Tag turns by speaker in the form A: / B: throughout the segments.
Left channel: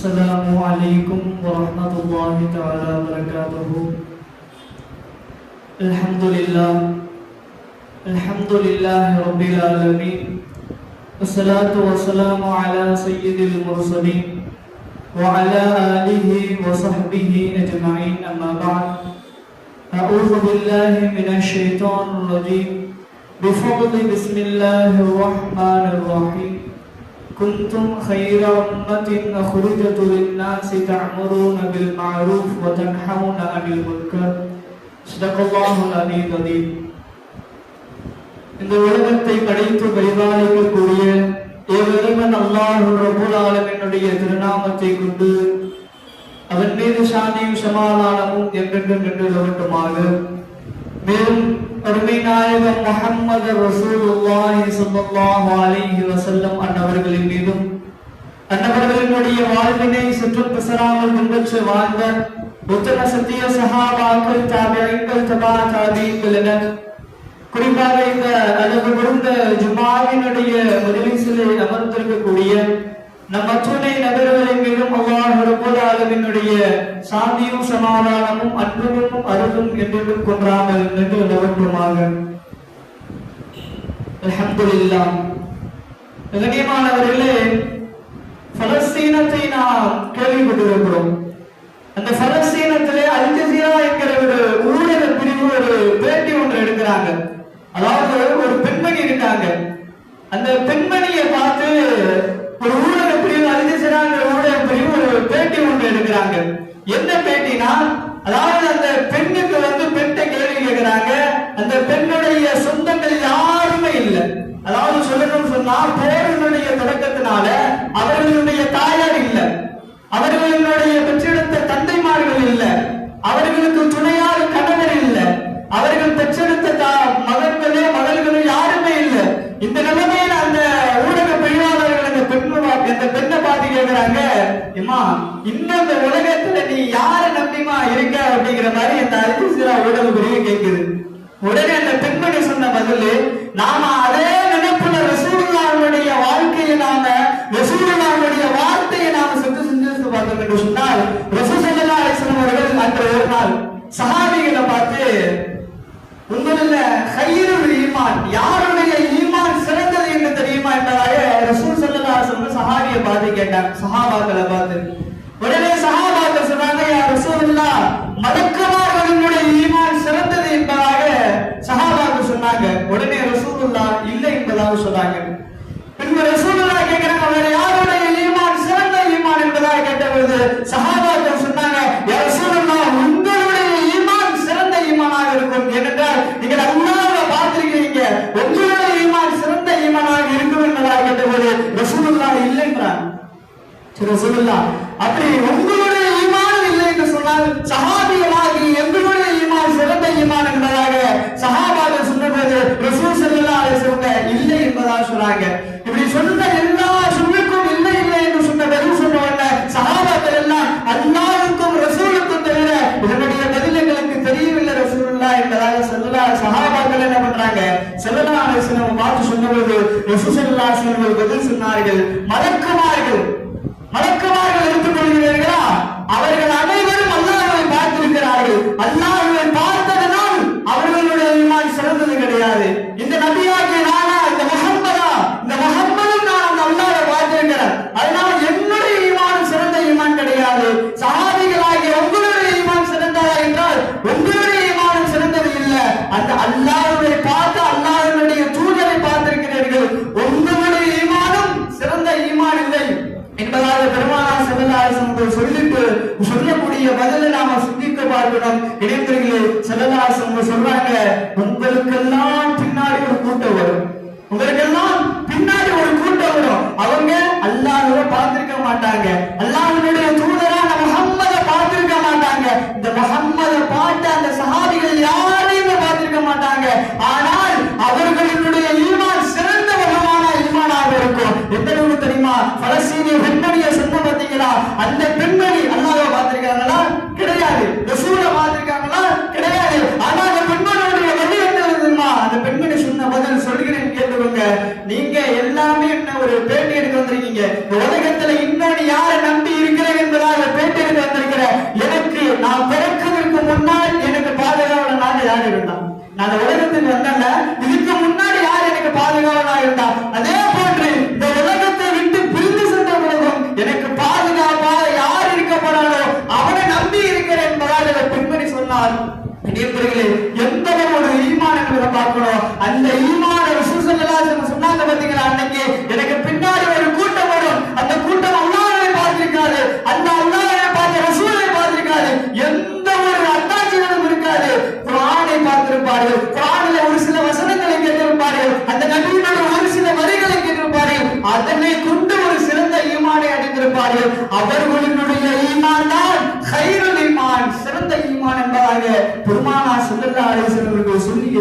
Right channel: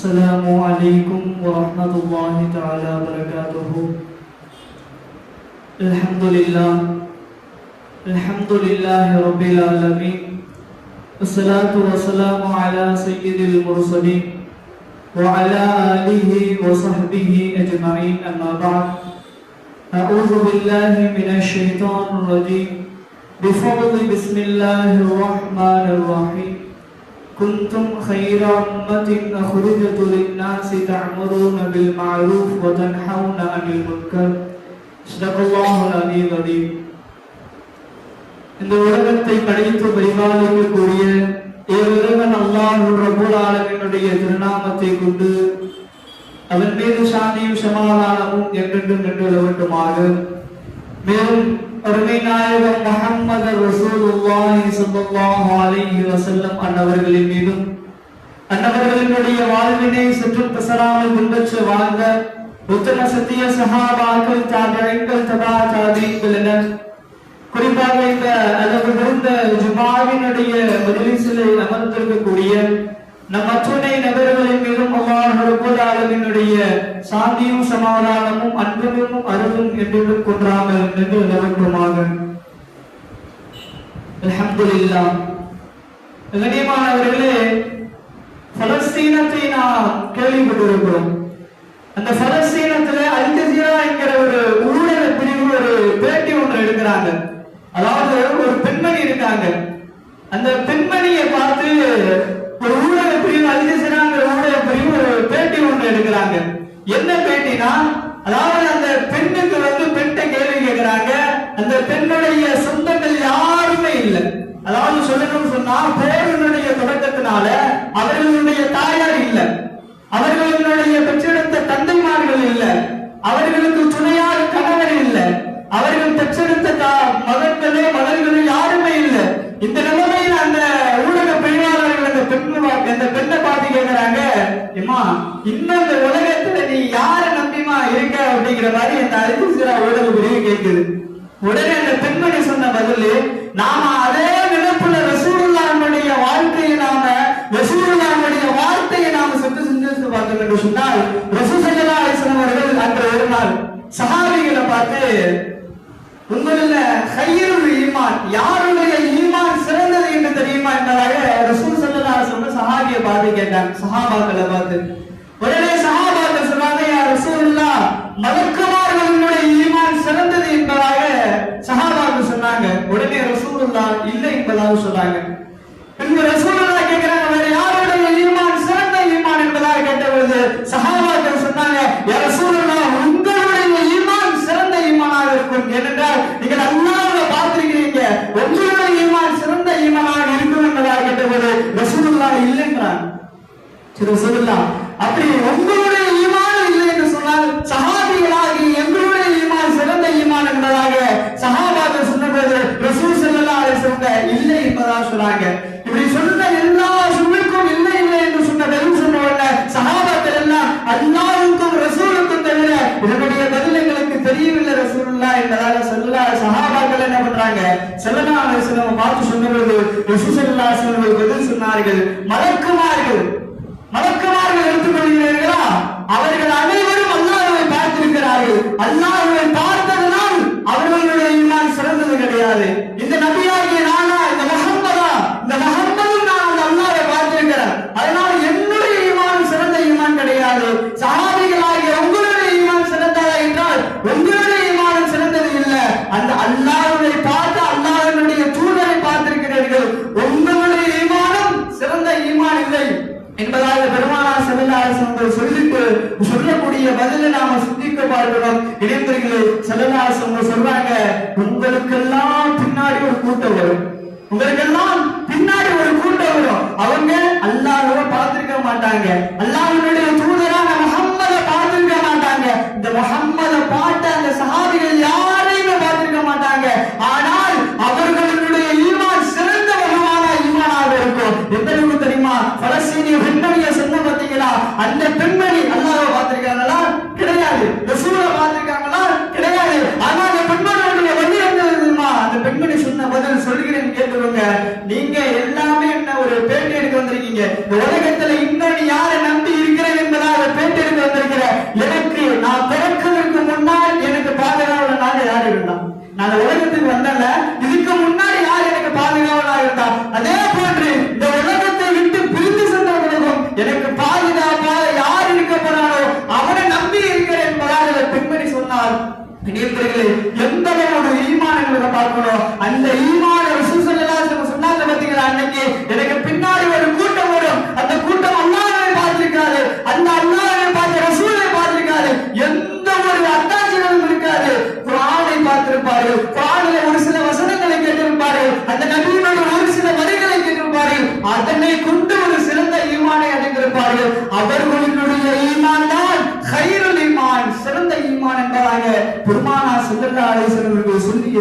A: السلام عليكم ورحمة الله تعالى وبركاته. الحمد لله. الحمد لله رب العالمين. والصلاة والسلام على سيد المرسلين وعلى آله وصحبه أجمعين. أما بعد أعوذ بالله من الشيطان الرجيم. بفضل بسم الله الرحمن الرحيم. كنتم خير أمة أخرجت للناس تعمرون بالمعروف وتنحون عن المنكر صدق الله العلي العظيم இந்த உலகத்தை படைத்து பரிபாலிக்கக்கூடிய ஏவரவன் அல்லாஹ் ரபுல் ஆலமினுடைய திருநாமத்தை கொண்டு அவன் மீது சாந்தியும் சமாதானமும் என்றென்றும் என்று நிலவட்டுமாக மேலும் அருமை நாயகம் ரசூலுல்லாஹி ஸல்லல்லாஹு அலைஹி வஸல்லம் அன்னவர்களின் மீதும் அன்னவர்களினுடைய வாழ்வினை சுற்றும் பிசராமல் பின்பற்றி வாழ்ந்த உத்தர சத்திய சஹாபாக்கள் தாபியங்கள் தபா தாபீன்கள் என குறிப்பாக இந்த அளவு முடிந்த ஜுமாவினுடைய மஜலிஸிலே அமர்ந்திருக்கக்கூடிய நம் அச்சுமை நபர்களின் மீதும் அல்லாஹ் ரப்பல் சாந்தியும் சமாதானமும் அன்பும் அருளும் என்றும் கொன்றாமல் நின்று நிலவட்டுமாக. அல்ஹம்துலில்லாஹ். கண்ணியமானவர்களே பலஸ்தீனத்தை நாம் கேட்குது. உடனே அந்த பெண்மணி சொன்ன பதில் நாம அதே நினைப்புல ரசூலுல்லாஹ்வுடைய வாழ்க்கையை நாம ரசூலுல்லாஹ்வுடைய வார்த்தையை நாம சற்று சிந்தித்து பார்த்தோம் என்று சொன்னால் ரசூல் ஸல்லல்லாஹு அலைஹி வஸல்லம் அவர்கள் அன்று ஒரு நாள் சஹாபிகளை பார்த்து உங்களில் ஹைருல் ஈமான் யாருடைய ஈமான் சிறந்தது என்று தெரியுமா? என்பதாக ரசூல் சல்லா அலைஹி சஹாபியை பார்த்து கேட்டாங்க. சஹாபாக்களை பார்த்து உடனே சஹாபாக்கள் சொன்னாங்க யா ரசூலுல்லாஹ் மலக்குமார்களுடைய ஈமான் சிறந்தது என்பதாக சஹாபாக்கள் சொன்னாங்க உடனே ரசூலுல்லாஹ் இல்லை என்பதாக சொன்னாங்க பின்பு ரசூலுல்லாஹ் கேட்கிறாங்க வேற யாருடைய ஈமான் சிறந்த ஈமான் என்பதாக கேட்டபோது சஹாபாக்கள் சொன்னாங்க யா ரசூலுல்லாஹ் உங்களுடைய ஈமான் சிறந்த ஈமானாக இருக்கும் ஏனென்றால் நீங்கள் அல்லாஹ்வை பார்த்திருக்கிறீங்க உங்களுடைய ஈமான் சிறந்த ஈமானாக இருக்கும் என்பதாக கேட்டபோது ரசூலுல்லாஹ் இல்லை என்றாங்க சரி ரசூலுல்லாஹ் அப்படி உங்களுடைய ஈமான் இல்லை என்று சொன்னால் சஹாபிகளாகி எங்களுடைய ஈமான் சிறந்த ஈமான் என்பதாக சஹாபாக்கள் சொன்னபோது ரசூல் ஸல்லல்லாஹு அலைஹி வஸல்லம் இல்லை என்பதாக சொன்னாங்க. இப்படி சொன்ன எல்லா சுமைக்கும் இல்லை இல்லை என்று சொன்ன பதில் சொன்ன உடனே சஹாபாக்கள் எல்லாம் அல்லாஹ்வுக்கும் ரசூலுக்கும் தவிர இதனுடைய பதில் எங்களுக்கு தெரியவில்லை ரசூலுல்லாஹ் என்பதாக சொல்லலாம் சஹாபாக்கள் என்ன பண்றாங்க? ஸல்லல்லாஹு அலைஹி வஸல்லம் பார்த்து சொன்னபோது ரசூல் ஸல்லல்லாஹு அலைஹி வஸல்லம் பதில் சொன்னார்கள் மலக்குமார்கள்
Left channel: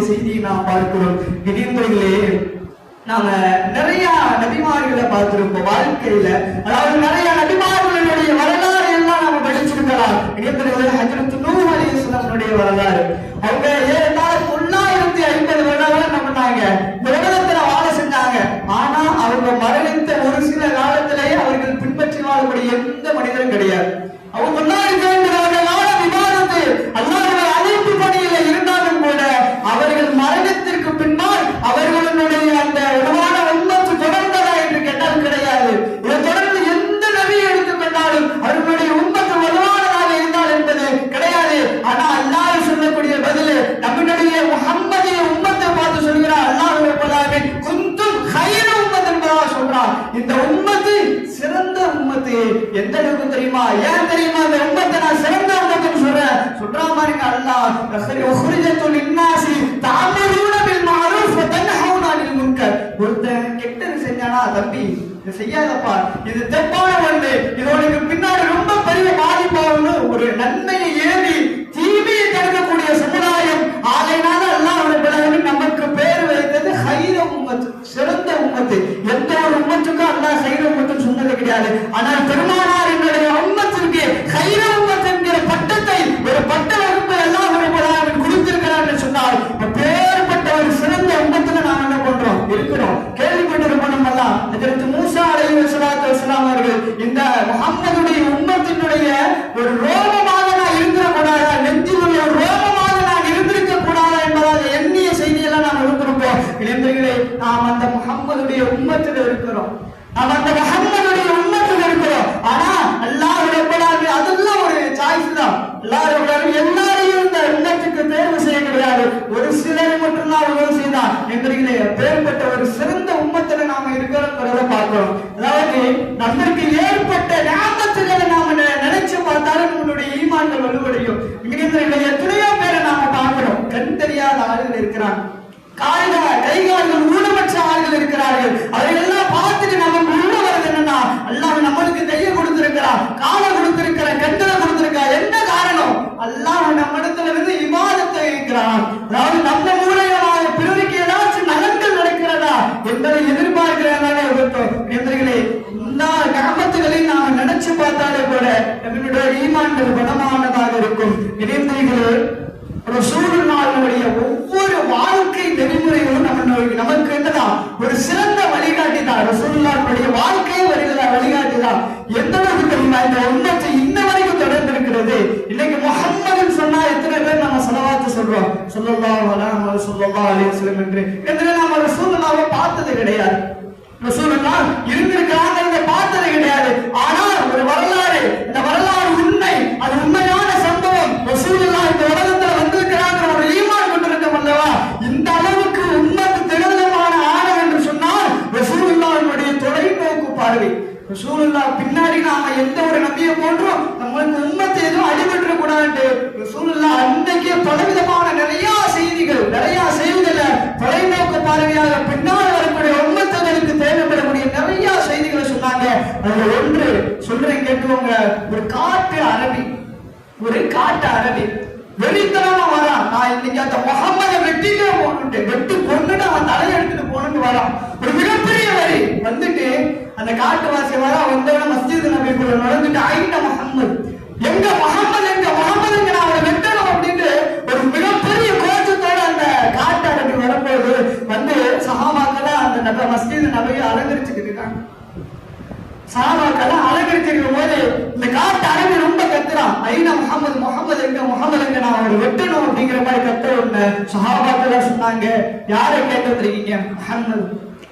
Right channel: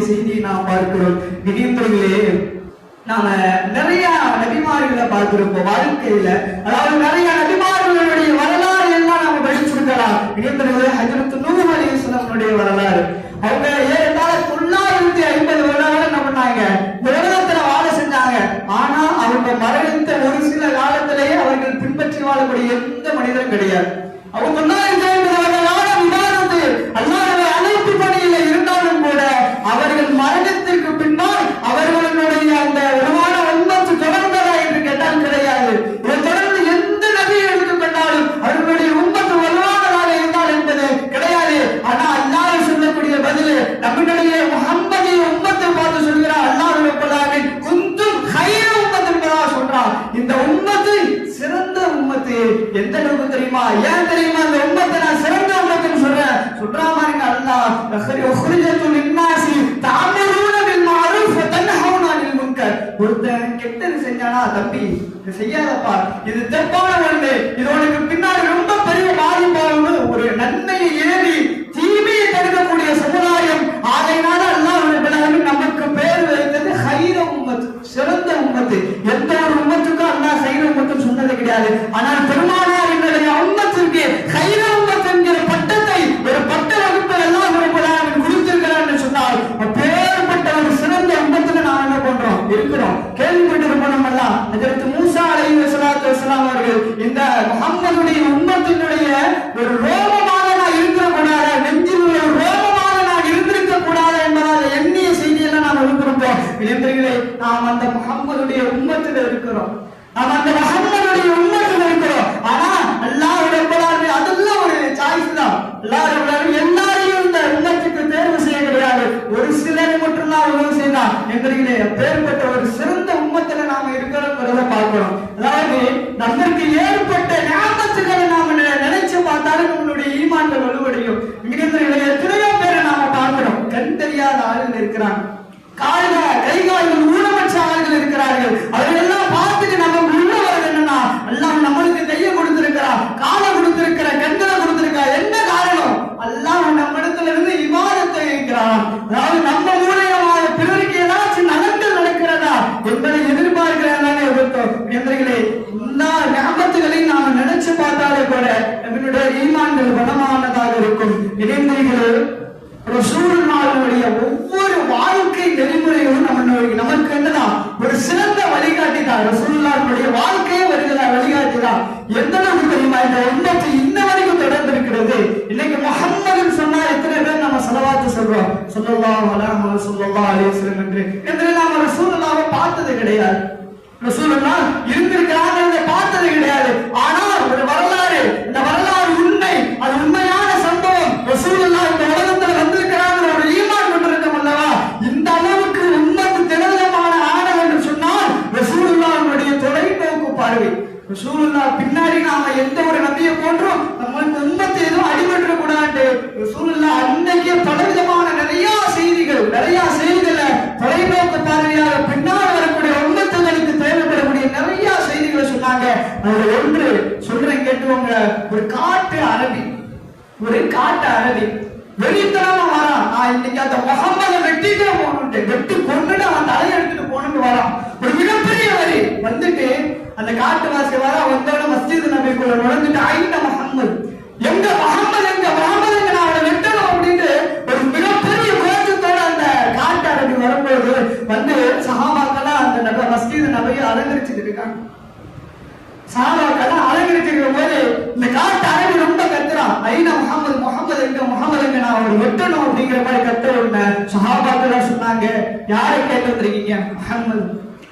A: செய்தியை நாம் பார்க்கிறோம். நினைவுகளிலே நாம நிறைய நபிமார்களை பார்த்திருப்போம். வாழ்க்கையில. அதாவது நிறைய எந்த ஒரு உண்மத்துக்கும் அல்லா சைவம் மட்டும் சொன்னது கிடையாது. ஆனால் பெருமாள் சொல்றோம். சொல்லல்லா என்று. என்று நாம் ஒரு சூழலாக பார்த்தது கிடையாது. ரசூலுல்லா இருந்திருக்காங்க இங்க பார்த்தது கிடையாது. ஆனால் ஒரு வரலாறு இந்த வரலாறு உண்மை. அது உண்மையான சம்பவம். ரசூலுல்லா இந்த உலகத்துல வந்திருக்கிறாங்க ஒரு ஈமான் கொண்டிருந்தோம் அல்லவா? இந்த அளவுக்கு உண்மை திடமான ஆழம் என்று சொன்னால் ரசூலுல்லாவுடைய தொலைநோக்கு பார்வை. ரசூலுல்லா ஒரு காட்டு அரபி ஒரு காட்டு அரபி வெளித்தனமா வரான் நான் இன்னைக்கு அந்த முகமத வெட்டிட்டே போகணுட்டு வெட்டி கொண்டுட்டு அவன் தலையை எடுத்துட்டு போகணும்னு வரான் ஒரு மிகப்பெரிய வரி. வந்துட்டு அந்த காட்டுவாசி வர. வந்தோட மஸ்ஜித் நபிக்குள்ள நுழைஞ்சிட்டு ஐந்த முகமது எங்க முகமது எங்க முகமது எங்க நான் அவனை வெட்டணும் அப்படின்ட்டு ஒரு மிகப்பெரிய கோஷத்தோட அந்த காட்டு அரபி வரும்போது வந்து சகாபாக்கெல்லாம் அந்த மஸ்ஜித் நபையை அலங்கரிச்சுட்டு இருக்காங்க. சகாபாக்கெல்லாம் வெட்டணும் அப்படிங்கிற மாதிரி கட்ட உண்மை சகாபாத்துல சொன்னாங்க யாரை கேட்டிருக்கீங்க முகமது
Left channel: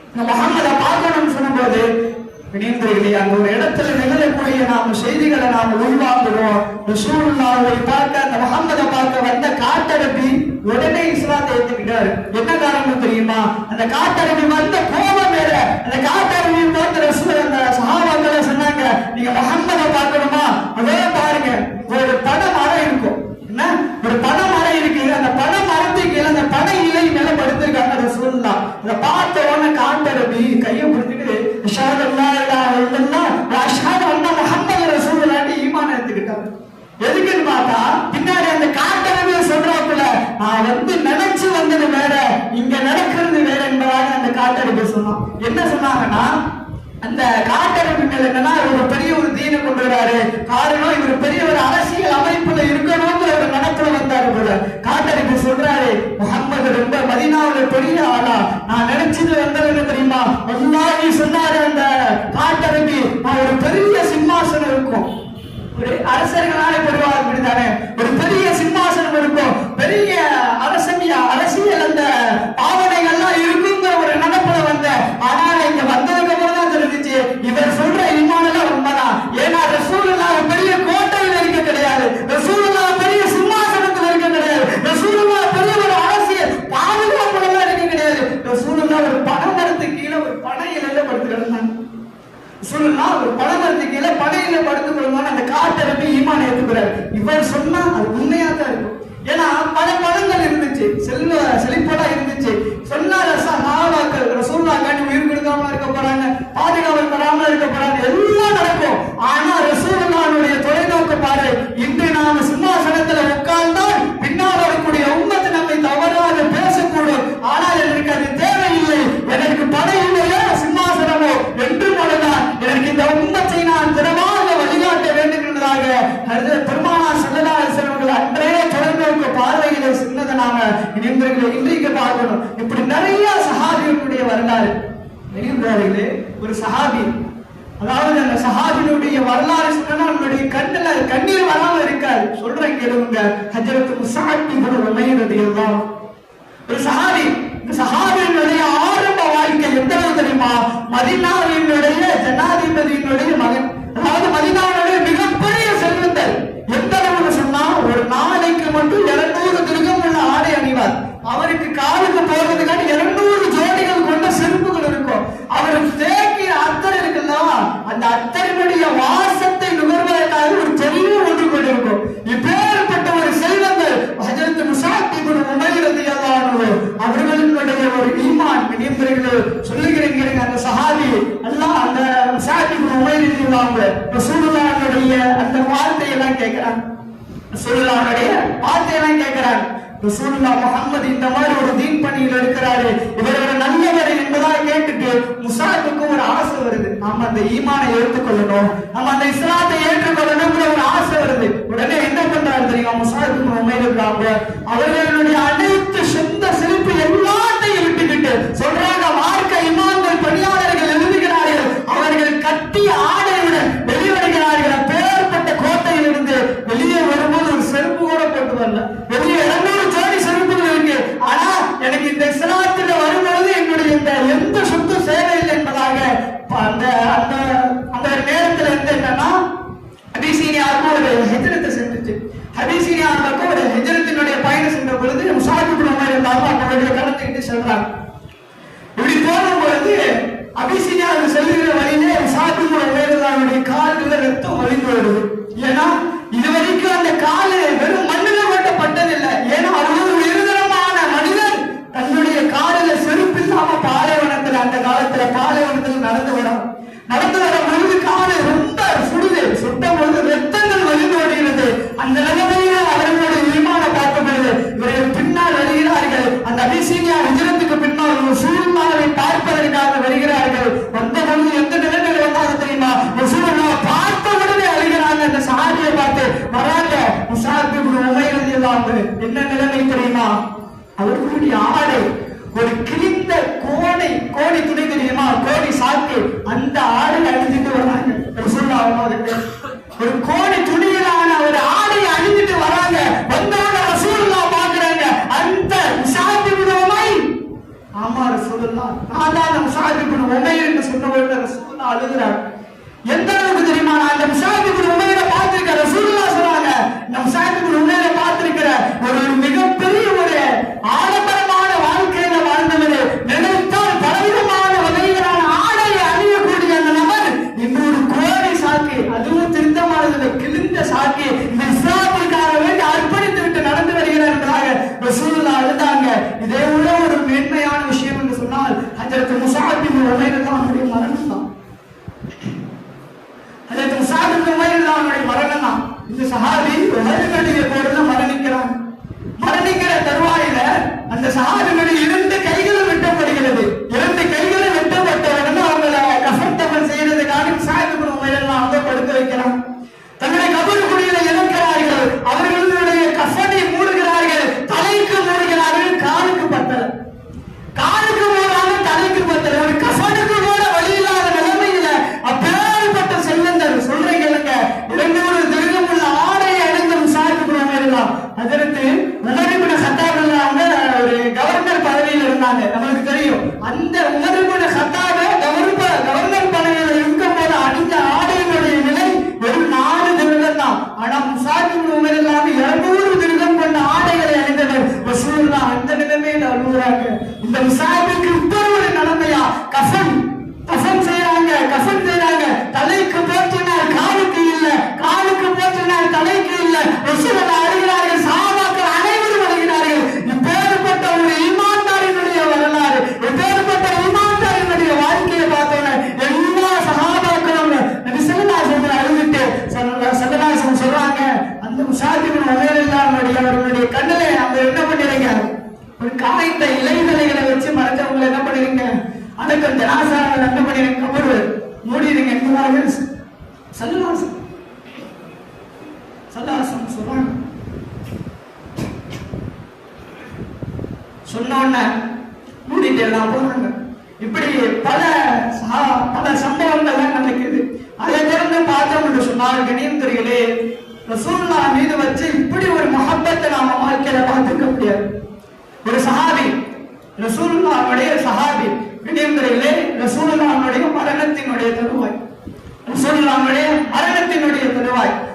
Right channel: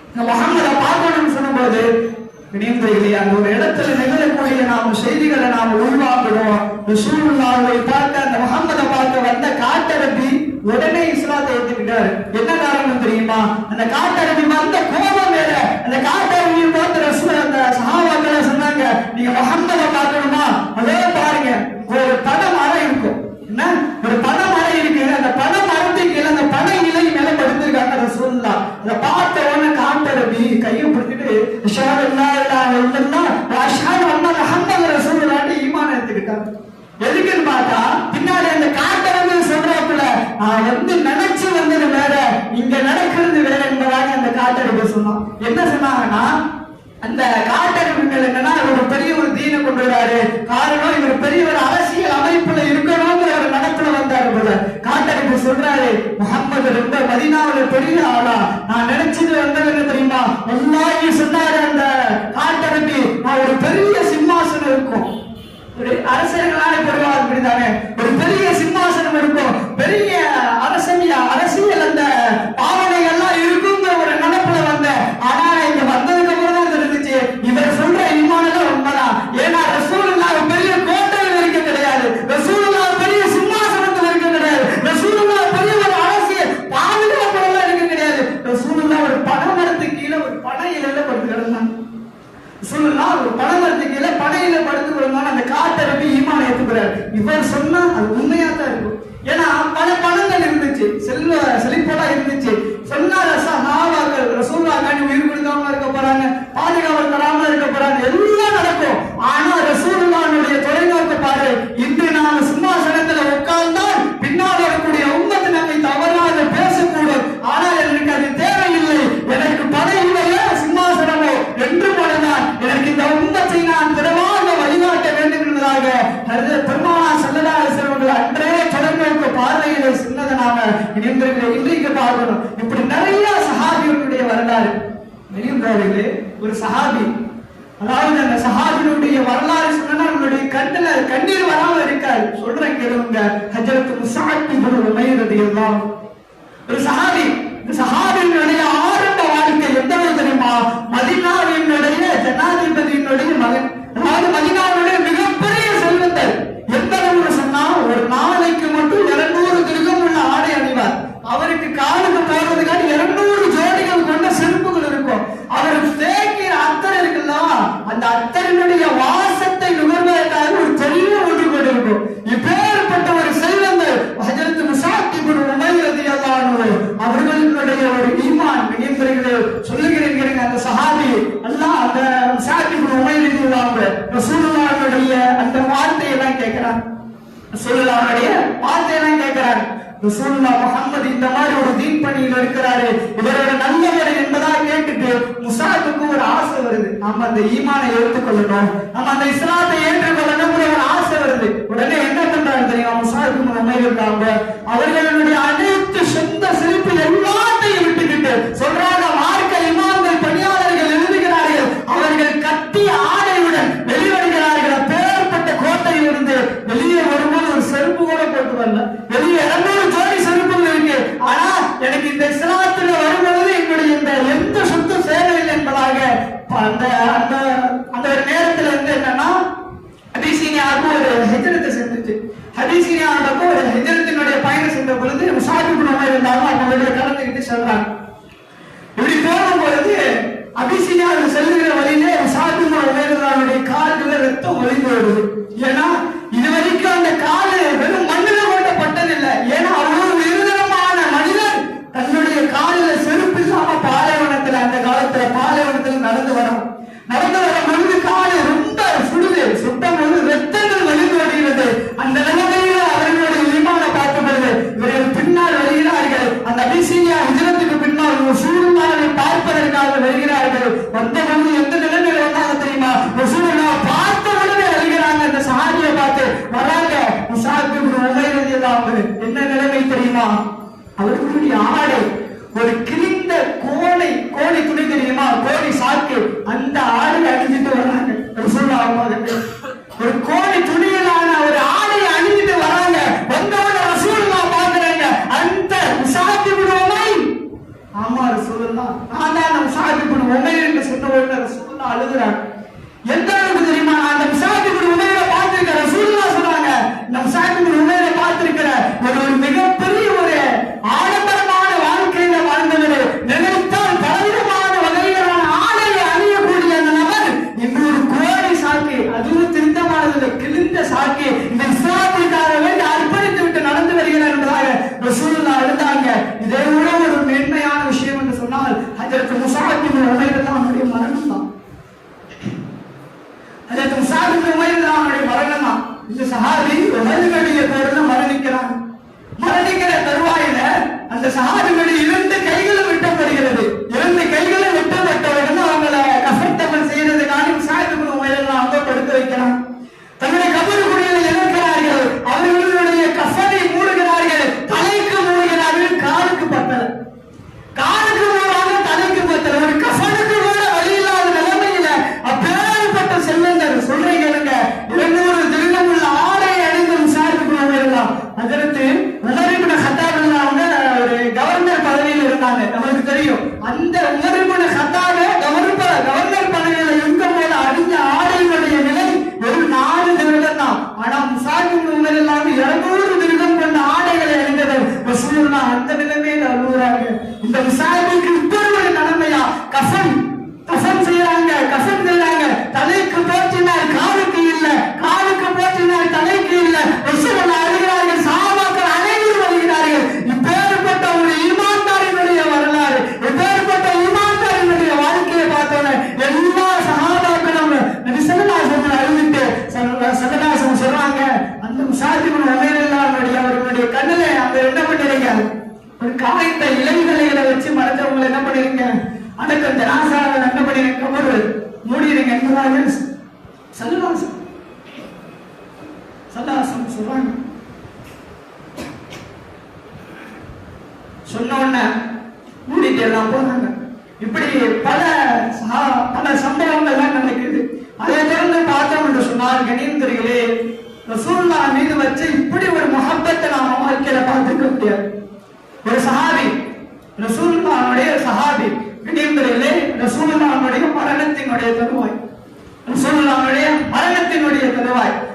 A: இந்த முகமதை பார்க்கணும்னு சொன்னபோது அந்த ஒரு இடத்துல நிகழக்கூடிய நாம் செய்திகளை நாம் உள்வாங்குகிறோம் ரசூலுல்லாவை பார்க்க அந்த முகமதை பார்க்க வந்த காட்டரபி உடனே இஸ்லாத்தை ஏற்றுக்கிட்டார் என்ன காரணம் தெரியுமா? அந்த காட்டரபி வந்த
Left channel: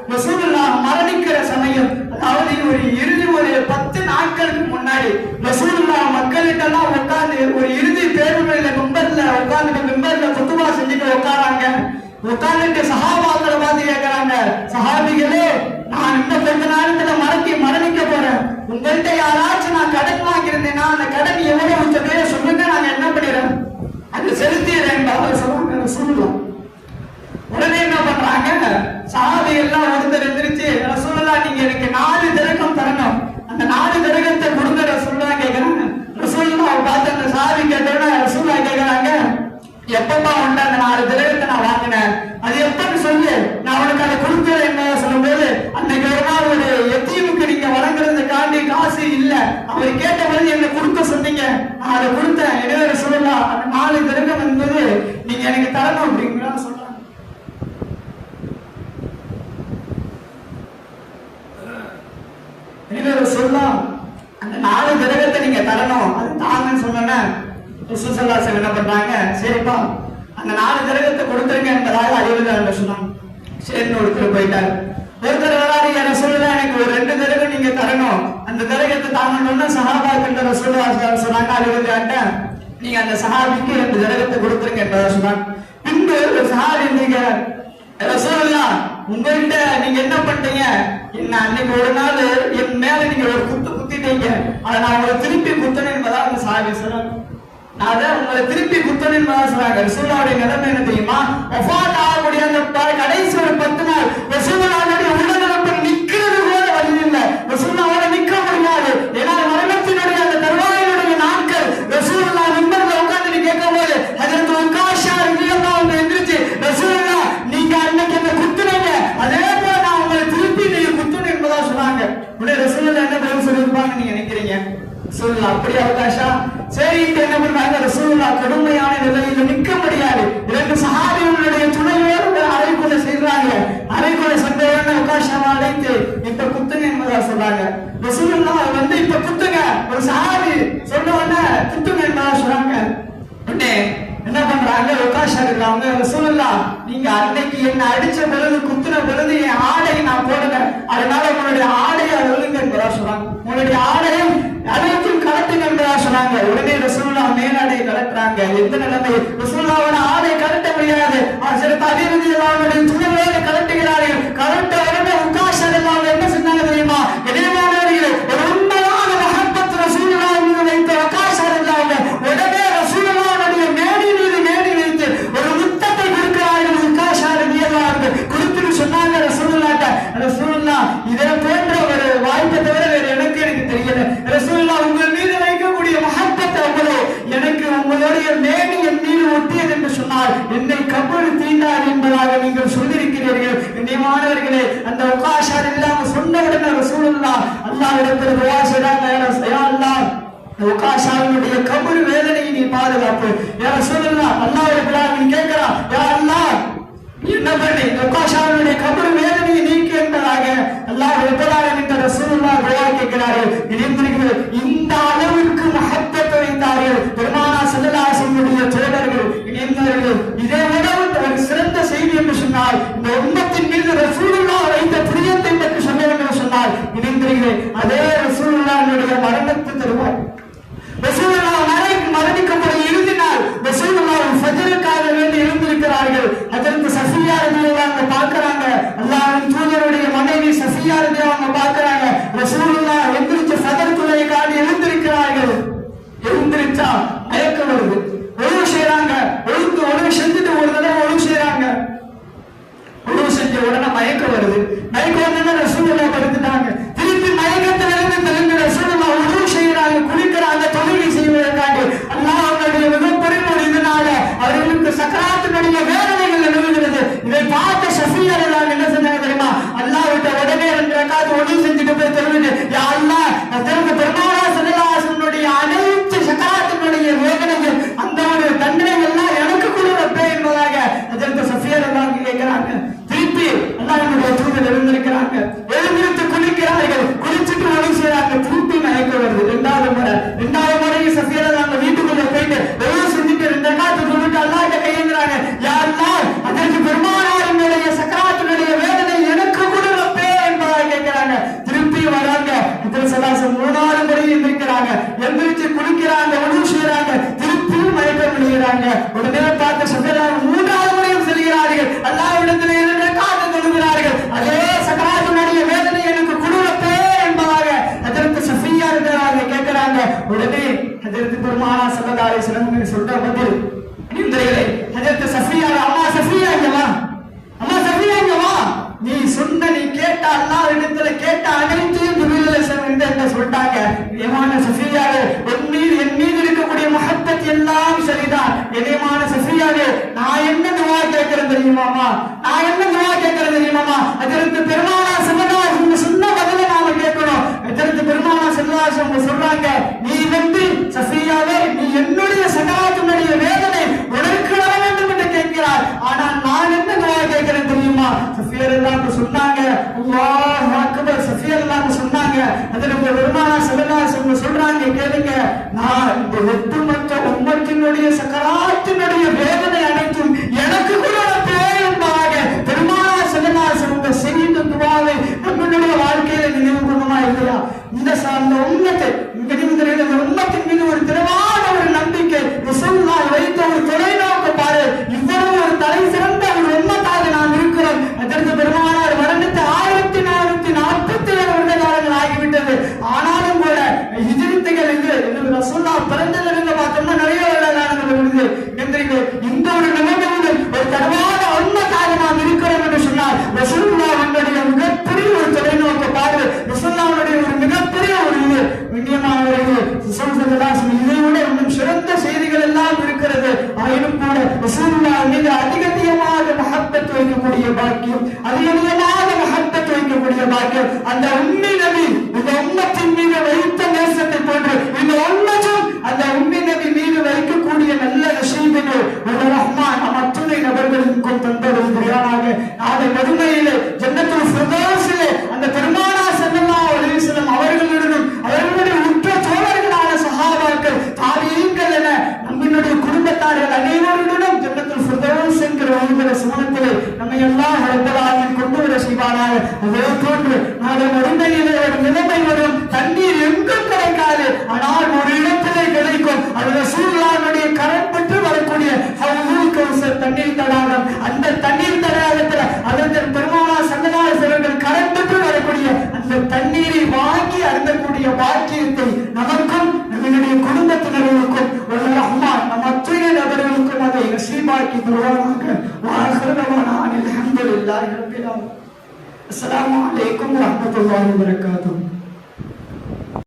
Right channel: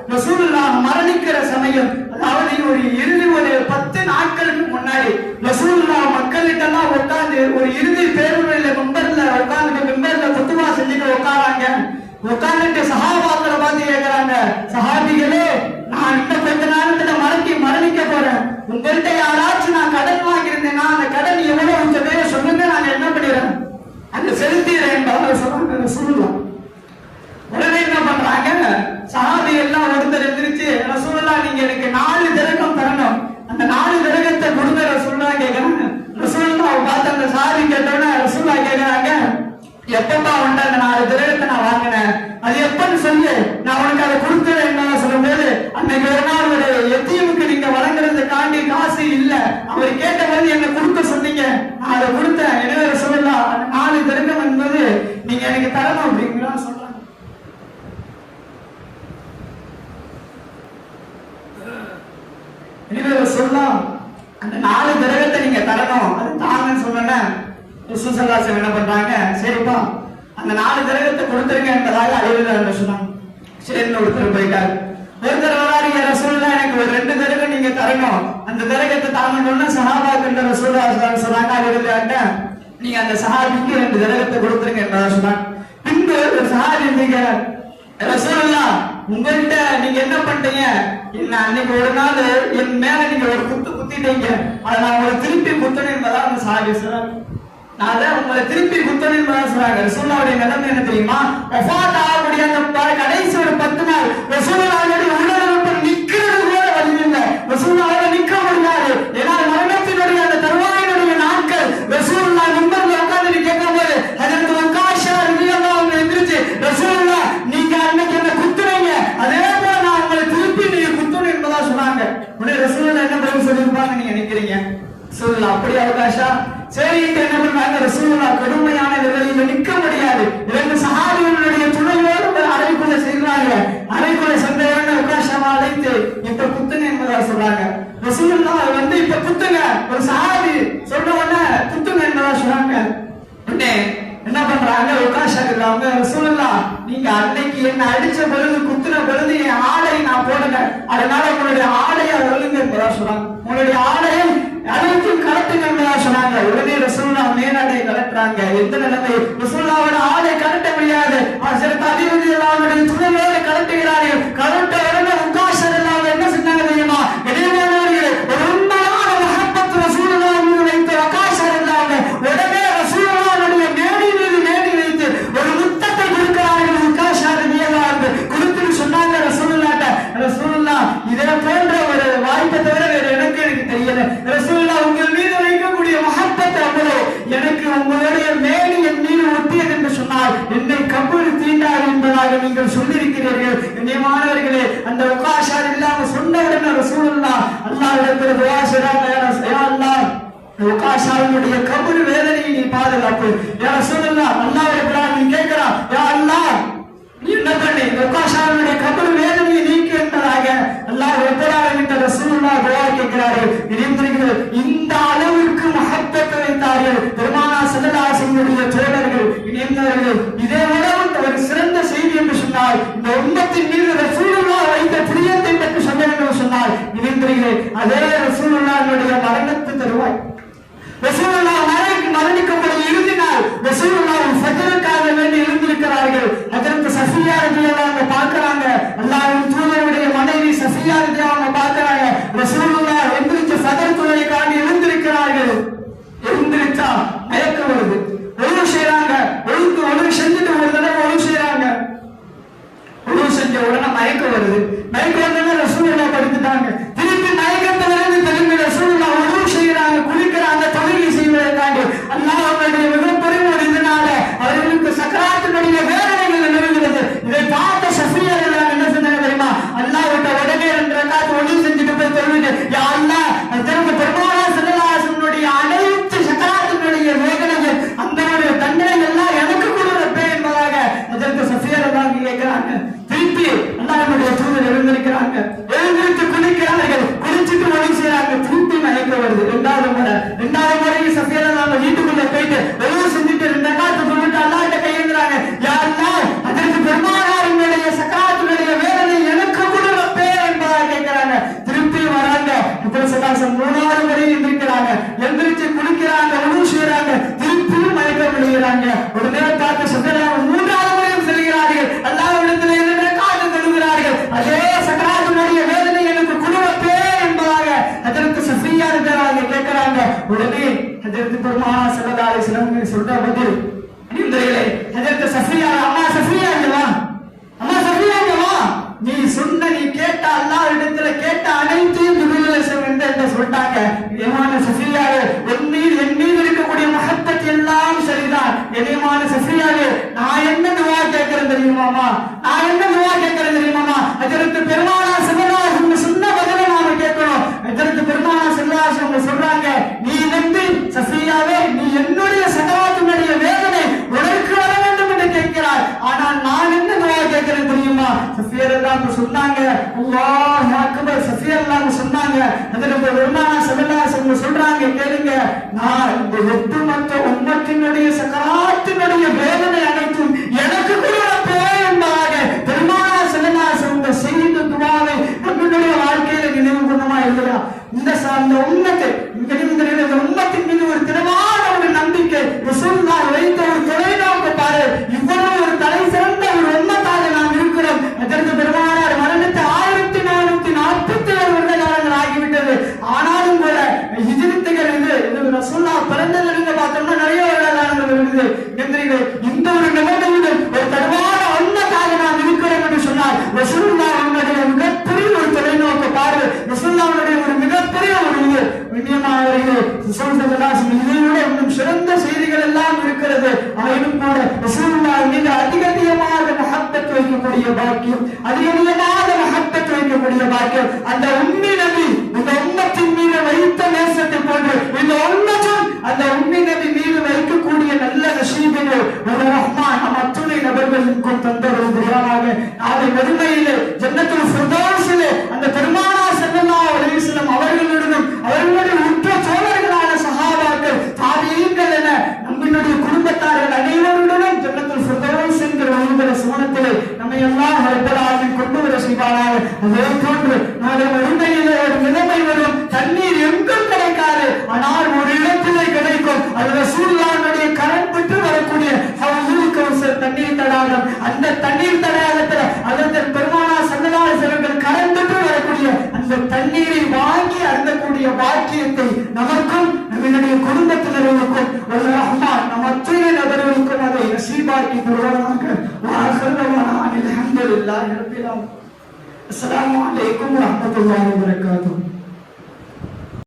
A: ரசூலுல்லா மரணிக்கிற சமயம் அதாவது ஒரு இறுதி ஒரு பத்து நாட்களுக்கு முன்னாடி ரசூலுல்லா மக்களுக்கெல்லாம் உட்கார்ந்து ஒரு இறுதி பேருமையில மெம்பர்ல உட்கார்ந்து மெம்பர்ல பொதுவா செஞ்சுட்டு உட்காராங்க உட்காந்துட்டு சஹா சாஹிசலம் நான் தெரியுமா? ஒஃபாத் ஆகக்கூடிய அந்த கடைசி ஒரு நாள் ரசூல்லாவுடைய அந்த தருவாயினுடைய நாட்கள் ரசூல்லா நிம்பர்ல நீங்க அன்னைக்கு என்ன அதே போல நான் உங்களை திருப்பி நீங்க குத்துணும் என்பதா சொன்னாங்க. உடனே ரசூல்லா என்ன பதில் சொல்லியிருப்பாங்க நீங்க நினைக்கிறீங்க? சொல்லு அப்படி அவகாஷா சரியிட்ட என்ன ரசூலா கடுமையான நிலையில நிற்க முடியாது. இரண்டு சஹாபிகளுடைய துணையோடு அறைக்குள்ள செய்கிறாங்க அறைக்குள்ள சந்தையான உகாஷமா அழைத்து இப்ப குத்துங்க என்பதா சொல்றாங்க. ரசூலா வந்து இப்ப குத்துங்க. ஒரு சஹாபி சொன்ன குத்துங்க என்பதா சொல்றாங்க. உடனே என்ன பண்றாங்க? உகாஷா இருக்கிறாங்க ரசூலா நீங்க அன்னைக்கு என்ன அடிச்ச பிறகு குத்துன பிறகு என் நான் போடுங்க. அதனால உங்களுடைய ஆடையை அழுங்க என்பதா சொல்றாங்க. உங்களுடைய ஆடையை எந்த நிலைமை ஆடை கருட்ட முடியாது. அதற்கு அறிவு நீங்கள் சொல்லியிருக்கிறீர்கள். மாணவர்களே அந்த உபாஷால் இல்லாம சொன்ன உடனே ரசூலுல்லா அல்லாஹ் இடத்துல துவா செய்றாங்க யா வேதனையை நீ பாதுகாப்பு. யா ரசூலுல்லா அல்லாஹ் இப்ராஹிம் கேட்கிறா? யா அல்லாஹ் என்ன பண்ணி உபாஷாவினுடைய கபூர் வேதனையை நீக்கி என்றதாக அல்லாஹ் எப்படாக இந்த ரசூலுல்லா துவா கேட்கிறாரு நினைந்திருக்கிறது இந்த அளவுக்கு மகத்தத்தை வைத்தார்கள் பெருமானா சதலாசனுடைய தேவர்கள் இணைந்தார்கள் இதே அளவு சிறந்த சொன்னால் இந்த உண்மத்தின் மீது ரசூலுல்லா வைத்த பிரியத்தை பற்றி சொன்னேன் என்று சொன்னால் இணைந்திருக்கிறேன் அதே ரசூலுல்லாவுடைய மரணத்தை தருவோம். ரசூலுல்லா மரணிக்கும் போது இருந்தினால் ரசூலுல்லா சஜலுக்காக வேண்டி இருந்திருக்கிறார்கள் அதற்கு சசியா தேவாங்க பார்க்கிறாங்க. அல்லாவின் தூதருடைய மனைவி சசியா தேவாங்க பார்க்கிறாங்க. ரசூல்